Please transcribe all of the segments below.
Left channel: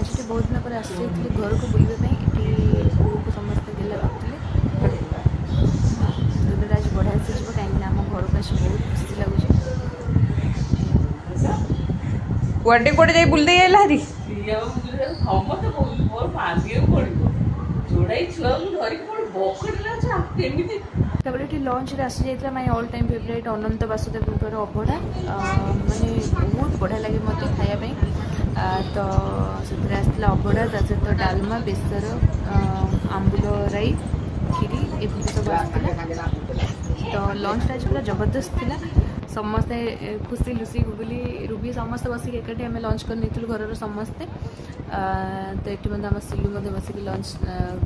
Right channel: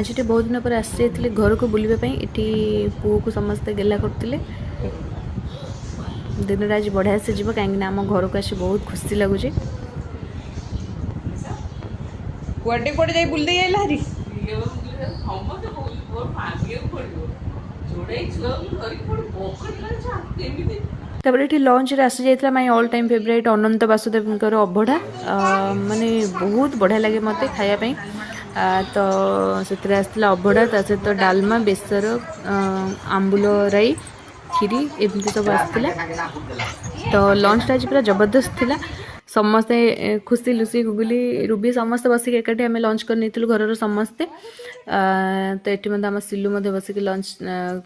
आज बहुत दिन पर आसी घर को बुलापी ये पुओ को समस्ते गेला करते दिन आज बढ़िया से जीव कहीं आम घर को आसी बहुत खुशी लगुच कुआडे कुआडे जाई बुल दे आइला हरी तापर ये लंच रे आसी जाइए माई ऑल टाइम फेवरेट अनंत वासुदेव अभढ़ा माने बहुत बढ़िया लगे मत खायापी तो से आसला अभढ़ा ता सहित डालमा बेसर आंबुल राई खीरी एमती सब आसला तो लंच आज पूरा जबरदस्त थिला समस्ते खुशी लुसी गुगुली रूबी समस्त बसिक एकाठी आम लंच कर नहीं घर समस्ते तो ये आम सिलु बसिक लंच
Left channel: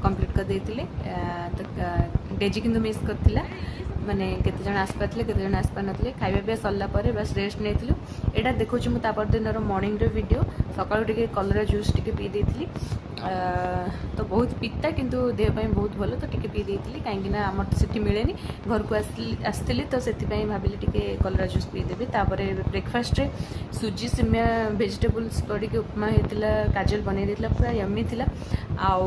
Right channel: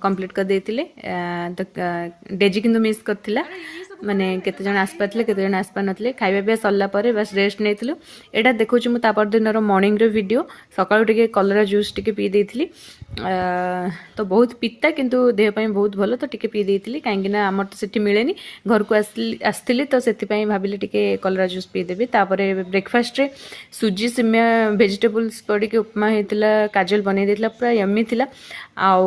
कंप्लीट कर देते तो डेजी किंतु मिस करथिला माने केते जण आसपारथिले केते जण आसपार नथिले खाइबा पिया सरला परे बस रेस्ट नेथिलु एटा देखौछु मु तापर दिनर मॉर्निंग रो वीडियो सकाळु टिके कलरा जूस टिके पी देथिली तो बहुत पिता किंतु देह पई बहुत भलो तो टिके पी देथिली काहेकि ना हमर तो सेठी मिलेनी घर को आस्थिली तो सेति पई भाबिली टिके कलरा जूस पी देबी तापरे ब्रेकफास्ट रे सुजी सिमिया वेजिटेबल्स पड़ी के उपमा हेतिला काजल बनै देथिला पूरा यम्मी थिला आउ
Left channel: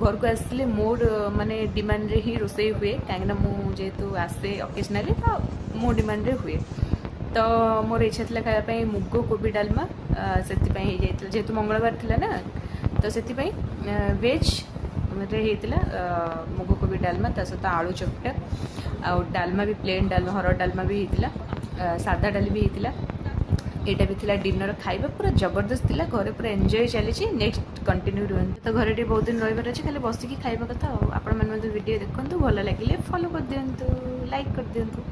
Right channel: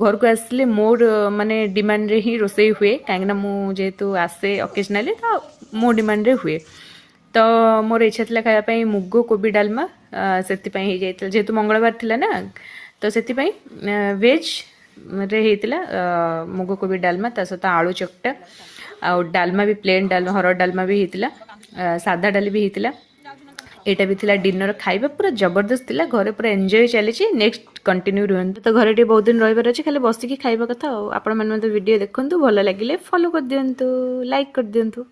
घर को आसले मोर माने डिमांड रे ही रोसई हुए काहेकि ना मु जेतु आसे ओकेजनली तो मो डिमांड रे हुए तो मोर इच्छा था खायापी मुग कोबी डालमा से जेहेतु मंगलवार थिला ना तो से वेज रे हेतिला मुग कोबी डालमा ता सहित आलू चकटा आ डालमा भी प्लेन डालमा हरड़ डालमा भी हेतिला सादा डाली भी हेतिला एटा भी थिला डिनर खाइबा पूरा जबरदस्त थिला घरे पूरा एंजॉय चली नेक्स्ट कंटिन्यू रुहतु तो घरे टे बहुत दिन रहिबार अछि खाली बसिकी खाइबा कथा आपण मन वीडियो देखंतु भल लागिले फॉलो कर दियंतु लाइक कर दियंतु।